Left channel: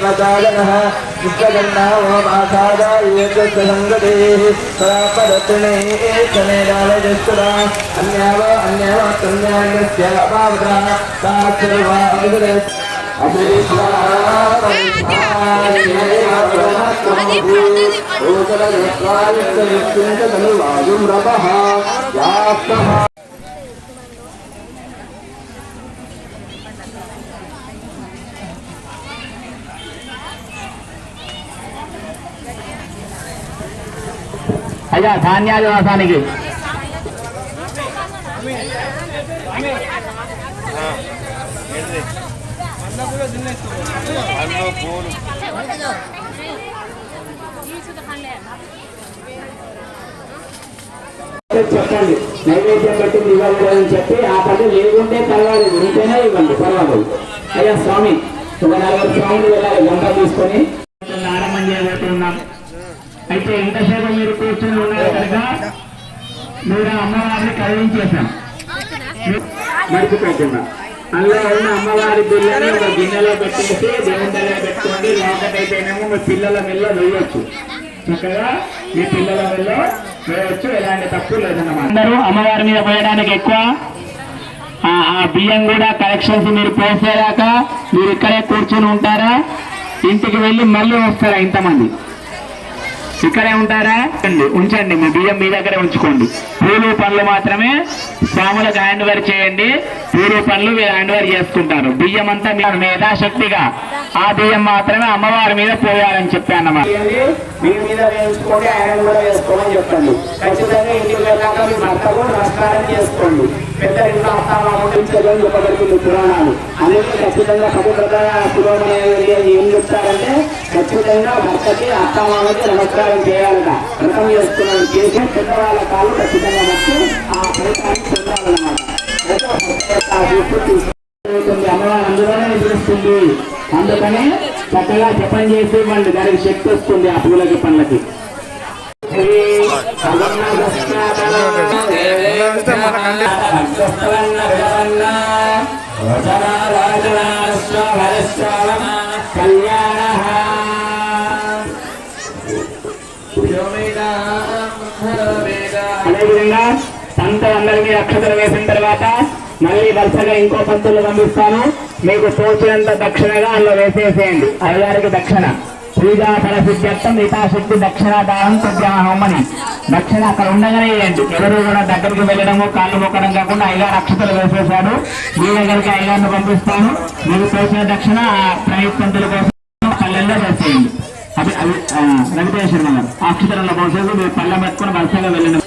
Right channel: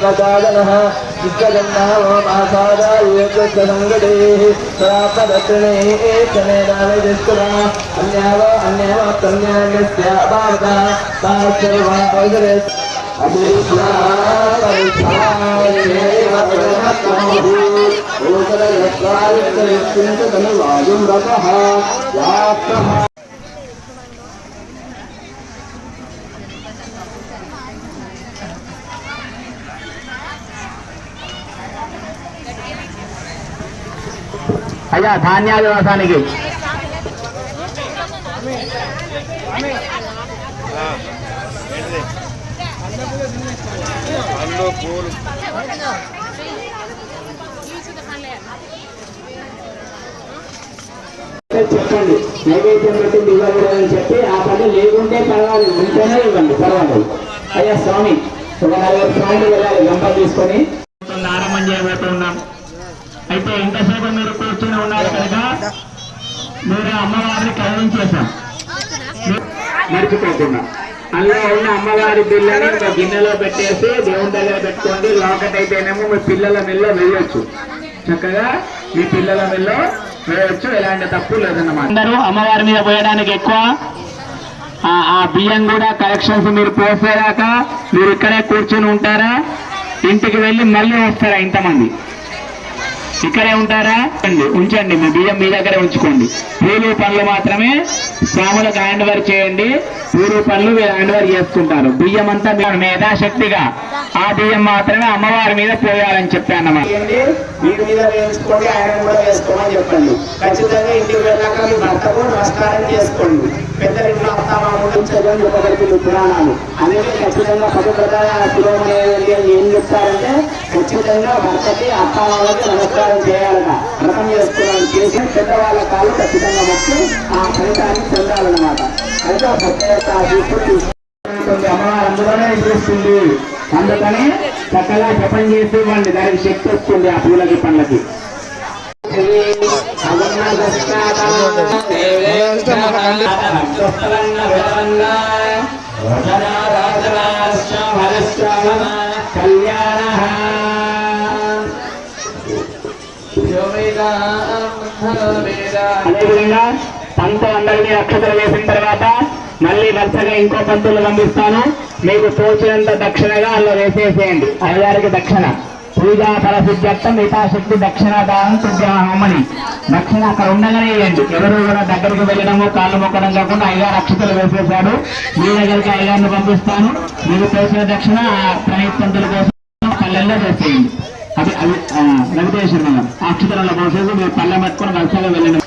प्रसादनः विश्वजन्मा ओम आसादाय संगतेः सरापदत्रिणैः एकमेदानजस्तुना अन्याव अन्यव कन्यान्यस्य अपारता पार्थवा अवगरे ओतरयत्वायुक्तविक्षिन्तनुवायुं रतः व्याप्तः అయ్యా ధాన్యాల వేసానికి. చెప్పండి. నైవేద్యం పెట్టింది ఇవ్వాలి అని చెప్పి ఆ పని లేకుంటే పర్వాలేదు ఉంటేనే ఇవ్వండి పర్వాలేదు అయ్యా స్వామి ఒక నలుగురు స్వామిని వెళ్ళాలి గంప తీసుకొని అయితే ఎంతసేపు మీరు కూర్చొని ఉన్నారు కనుక? మీరు అమ్మవారిని కదిలించేశాం మర్చిపోకుండా. అందులో ఉన్న అమ్మవారి బిల్లని ఒక గిన్నెలో పెట్టేసి దేవుండలో పెట్టుకోండి లోకటైతేనేమో మీ పిల్లల మెల్ల వేయొచ్చు. చక్కగా మీ పిల్లల మెల్ల వేయొచ్చు. ఎలాంటి తప్పు లేదన్నమాట. అందరూ అమ్మవారి మీద పోయడానికి ఎక్కువ. ఆ ఆ బియ్యం కూడా కలెక్షన్స్ మీరు పోసేదాకా మీరు ఇక్కడే కూర్చొని ఉంటారా? ఇంటికి వెళ్ళి మళ్ళీ వస్తారా ఇంతమంది? ఇక్కడే ఉంటారా? ఉంచండి, ఉంచండి. మీ బియ్యం మీ దగ్గర ఉంచుకోండి. పూలు పళ్ళు మాత్రమే స్వాములకు హ్యాండ్ ఓవర్ చేయండి. పూలు పనులు మీరు హ్యాండ్ ఓవర్ చేసుకుంటారు బియ్యం అంతా మీ మేధాశక్తిగా. ఆ బియ్యం మాత్రమే అమ్మవారి మీద పోయాలని చెప్పాను అన్నమాట మీ మీద వేసుకోండి ఆయన కూడా వేసుకోమని చెప్పండి. ఖచ్చితంగా ఇంటికి వెళ్ళాక మీ భర్తకు నమస్కారం చేసుకోండి. పెద్దలు అత్తామామని చెప్పగలుగుతుంది పురాణాలు. అనేది ఖచ్చితంగా పవిత్రత పురోగమనేది ఏం చెప్తారంటే ఖచ్చితంగా భర్తకి అత్తామామకి నమస్కారం చేయాలట. వ్రతం చేసుకున్నాను చేసి పెద్దవాళ్ళ కాళ్ళు ఖచ్చితంగా మొక్కి ఆ ఫలితాన్ని పొందాలన్నమాట. అయితే అమ్మవారు అందులోనే నిద్రిస్తుంది అందుకని చక్కగా జపం చేసి ఇవ్వండి దానికి శక్తి వస్తుంది ఆ పూలకి పండ్లకి. అదేవిధంగా పంత అందరినీ అక్షతలు వేసిన తర్వాత మళ్ళీ వరుసగా ఇంకో పంతులు పంపిస్తాను. మీకు తోచినంత దక్షిణగా అందులో వేసేసేయండి. అయ్యగారికి దక్షిణ. పూజా పరశుద్ధ్యర్థం యథాశక్తి దక్షిణ దానం దక్షిణ అక్కడ ఉండగానే వేయండి. ఎవరు కూడా దగ్గరికి వెళ్ళడము కాళ్ళు మొక్కడం కాకుండా అయ్యగారు అక్షతలు వేసేశాడు మీ దగ్గరికి అయ్యగారిని పంపిస్తాను. మీకు తోచిన దక్షిణ ఆ ప్రయత్నంతుల కోసం పల్లెల్లో వేసేయండి. అది అది వెంకటేశ్వర అక్షతలలో పోసేసి మీరు పల్లె పెట్టుకుని వరుసగా వెళ్ళండి.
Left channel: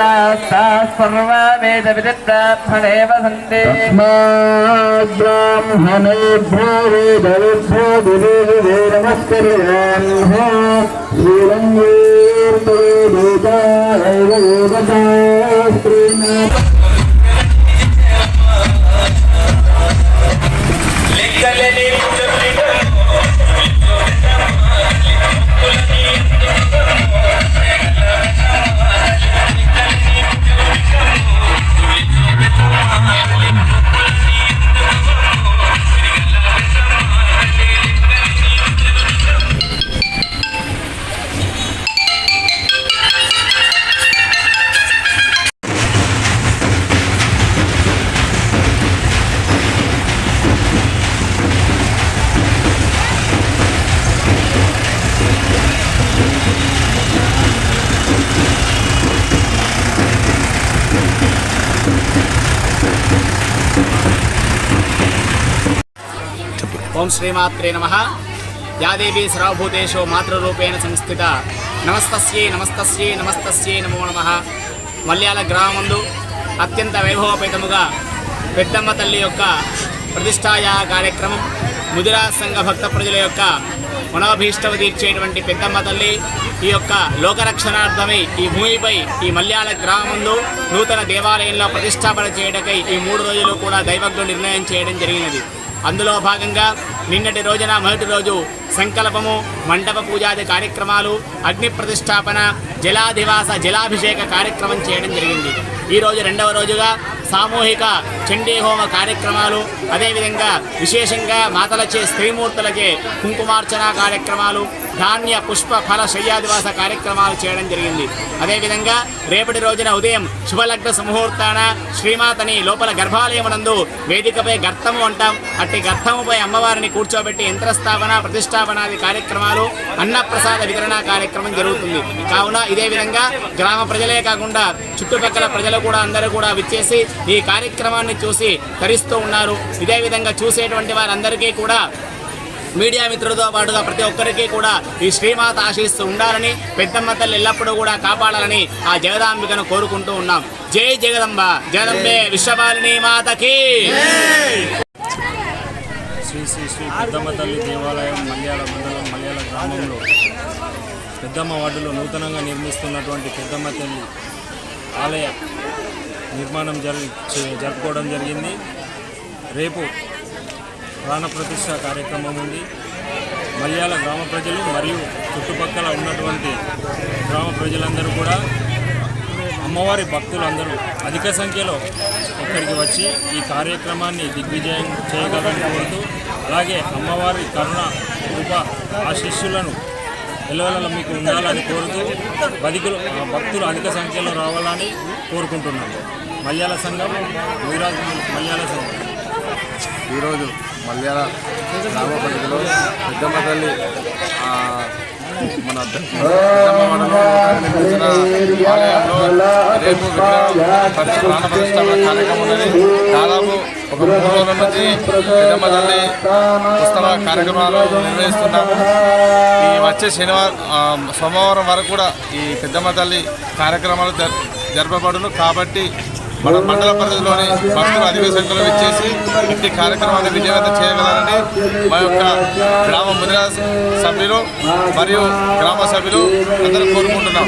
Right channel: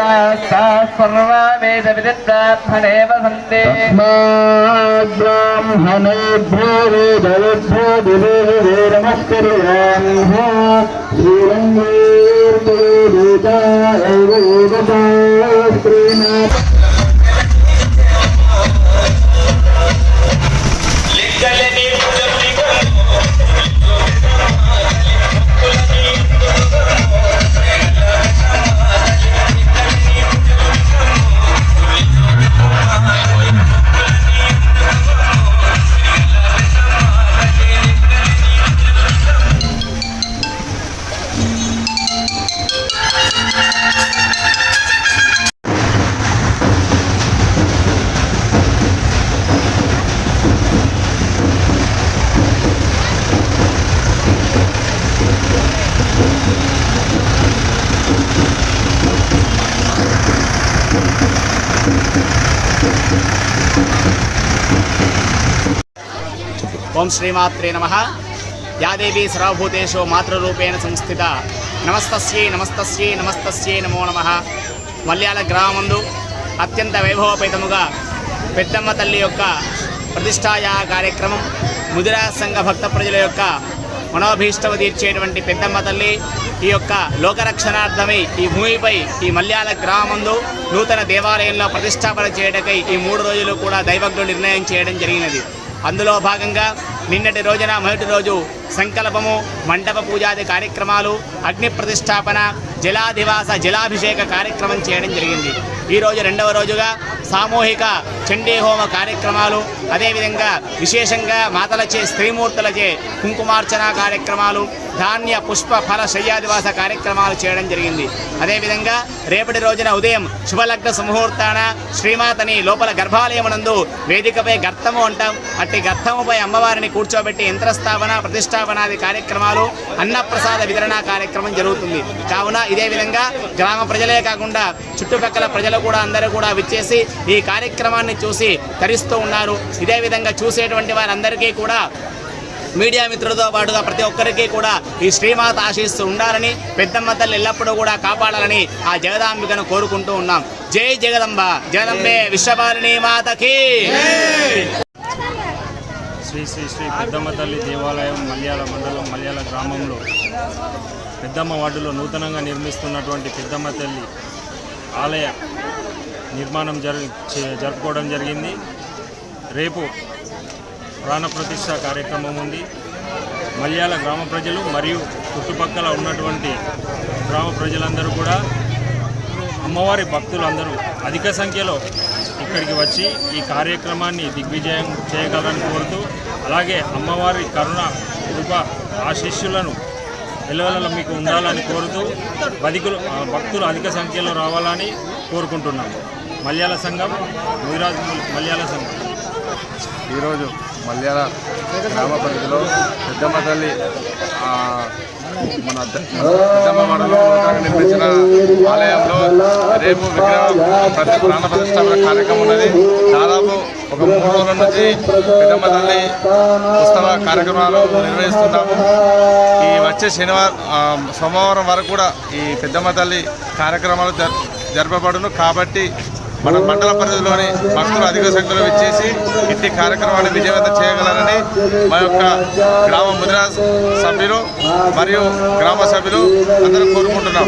देवतास्ताः सर्वा वेदविदिब्राह्मणे वसन्ते ब्राह्मणेभ्यो वेदविभ्यो दिवे नमस्कुर्वान् श्रीरङ्गेर्देवता ఓం శ్రీమాత్రే నమ. యాదేవి సర్వభూతేషు మాతృరూపేణ సంస్థిత. నమస్తస్యై నమస్తస్యై నమస్తస్యై నమో నమ. మల్యాల గ్రామందు అత్యంత వైభవపేతముగా పెద్దమ్మ తల్లి యొక్క ప్రతిష్టాయా కార్యక్రమం ముదిరా సంఘ భక్త ప్రజల యొక్క మనోభీష్టము తీర్చేటువంటి పెద్దమ్మ తల్లి ఈ యొక్క లోకరక్షణార్థమై ఈ భూమిపై ఈ మల్యాల గ్రామందు నూతన దేవాలయంలో ప్రతిష్టాపన చేయటకై ఈ మూడు రోజులు కూడా దైవజ్ఞుడు నిర్ణయం చేయడం జరిగినది. అందులో భాగంగా నిన్నటి రోజున మొదటి రోజు సంకల్పము మండప పూజాది కార్యక్రమాలు అగ్ని ప్రతిష్టాపన జలాధివాస జలాభిషేక కార్యక్రమం చేయడం జరిగింది. ఈరోజు రెండవ రోజుగా సామూహిక చండీ హోమ కార్యక్రమాలు అదేవిధంగా విశేషంగా మాతలచే స్త్రీమూర్తులచే కుంకుమార్చన కార్యక్రమాలు ధాన్య పుష్ప ఫల శయ్యాదివాస కార్యక్రమాలు చేయడం జరిగింది. అదేవిధంగా రేపటి రోజున ఉదయం శుభలగ్న సుముహూర్తాన శ్రీమాతని లోపల గర్భాలయమునందు వేదికపై గర్తము అంటాం. అట్టి గర్తముపై అమ్మవారిని కూర్చోబెట్టి యంత్రస్థాపన ప్రతిష్టాపనాది కార్యక్రమాలు అన్నప్రసాద వితరణ కార్యక్రమం జరుగుతుంది. కావున ఇదే విధంగా గ్రామ ప్రజలే కాకుండా చుట్టుపక్కల ప్రజలు కూడా అందరూ కూడా విచ్చేసి ఈ కార్యక్రమాన్ని చూసి తరిస్తూ ఉన్నారు. ఇదే విధంగా చూసేటువంటి వారందరికీ కూడా మీడియా మిత్రులతో పాటుగా ప్రతి ఒక్కరికి కూడా ఈ శ్రీమాత ఆశీస్సు ఉండాలని పెద్దమ్మ తల్లి ఎల్లప్పుడూ కూడా కాపాడాలని ఆ జగదాంబికను కోరుకుంటూ ఉన్నాం. జై జగదంబ. జగదంబే విశ్వపాలిని మాతకి. శ్రీ శ్రీ శ్రీ పెద్దమ్మ తల్లి దేవాలయం మల్యాల మండలం మల్యాల గ్రామంలో పెద్దమ్మ వార్డులో నూతనంగా నిర్మిస్తున్నటువంటి పెద్దమ్మ తల్లి ఆలయ నిర్మాణం జరి చే- జరుపుకోవడం జరిగింది. రేపు ప్రాణప్రతిష్ఠ కార్యక్రమం ఉంది. మల్యాల గ్రామ ప్రజలు మరియు చుట్టుపక్కల ఉన్నటువంటి గ్రామ ప్రజలందరూ కూడా అమ్మవారి భక్తులందరూ అధిక సంఖ్యలో ఇక్కడికి వచ్చి ఈ కార్యక్రమాన్ని దిగ్విజయం చేయగలని కోరుతూ అలాగే అమ్మవారి కరుణ కృప ఆశీస్సులను ఎలవెల మీకు ఉండాలని కోరుతూ బతికులు ఆ, భక్తులు అధిక సంఖ్యలో రావాలని కోరుకుంటున్నాము. మలయాళ సంఘం ముదిరాజ్ మలయాళ సంఘం. ఈరోజు మలయాళ గ్రామ పరిధిలో పెద్దమ్మ తల్లి మన ద- నూతనంగా నిర్మించిన ఆలయంలో రేపు విగ్రహం ప్రతి ప్రాణ ప్రతిష్టాపన కార్యక్రమం ఉన్నది. దాదాపు ఒక మూడు రోజుల నుంచి పెద్దమ్మ తల్లి ఉత్సవ కార్యక్రమాలు నిర్వహిస్తున్నాము. ఈ వచ్చే శనివారం సోమవారం వరకు కూడా ఈ పెద్దమ్మ తల్లి కార్యక్రమాలు జరపబడును. కాబట్టి మన మండల పరిధిలోని భక్తులు అధిక సంఖ్యలో విచ్చేసి ఇంటి కార్యక్రమాన్ని విజయవంతం చేయగలరని మా యొక్క గ్రామ ముదిరాజ్ సభ్యులు మరియు గ్రామ సభ్యులు అందరూ కోరుకుంటున్నాం.